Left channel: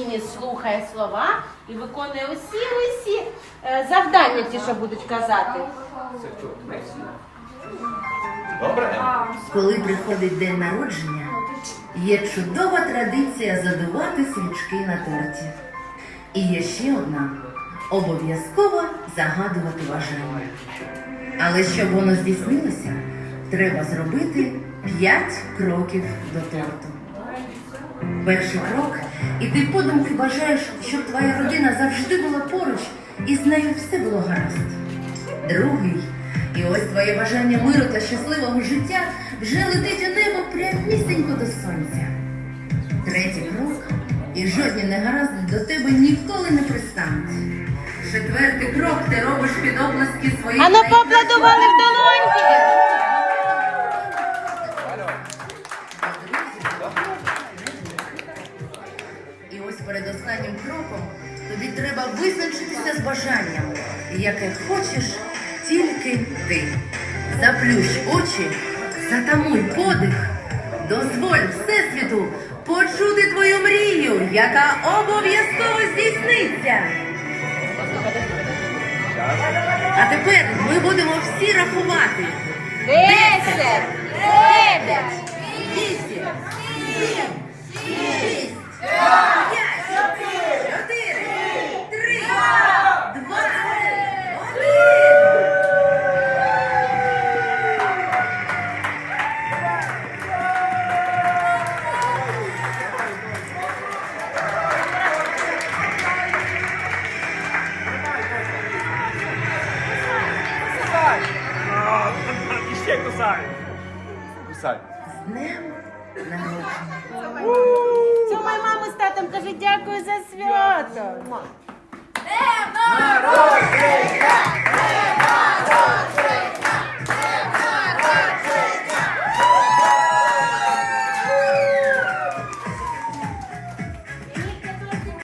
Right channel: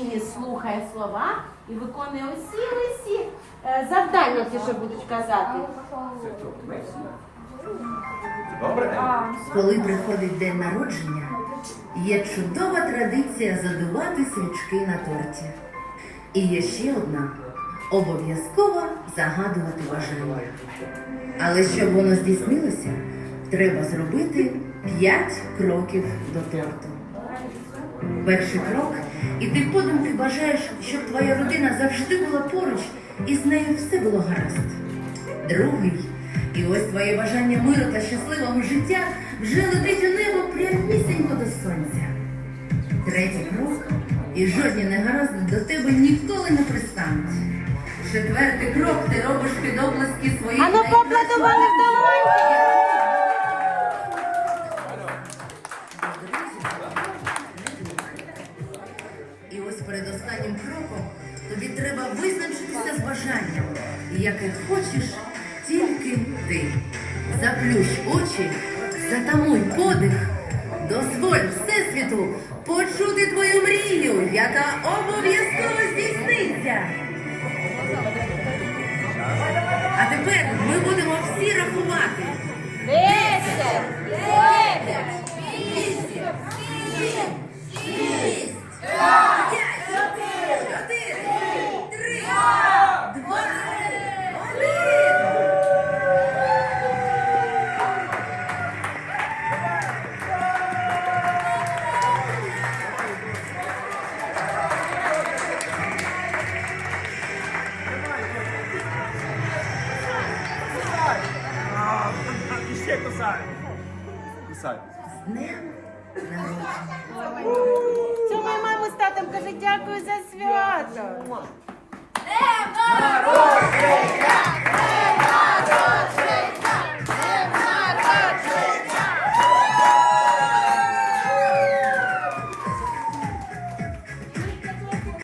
спокійні, слухає слова і виконує усі усі е, завдання, ті, що будуть казати. Добре? Коли приходить день народження, є чудова традиція задувати свічки на торті. І є ще одна обов'язково загадувати бажання. Але щоб воно здійснилося, треба зробити 5 кроків до торту. Перший крок, і ти подумки бажаєш, щоб твоя родина завжди була поруч і з нею все було гаразд. Другий, і ось твоє бажання миру та щасливого життя вже летить у небо прямісінько до сонця. Третій крок, і жодні негаразди до тебе ніколи не пристануть. Четвертий крок ти робиш під обласки своїх А ну найкращих в долоньки. Ось перед останнім кроком тобі треба визначитися з бажанням, яке хочеш тільки ти. Заплющ очі, затамуй подих, дозволь Всесвіту почути твою мрію, яка обов'язково здійсниться. А тепер ми будемо всі рахувати. Десять, Кусай. З днем народження. Цьому маму з татом каже дякую за свято.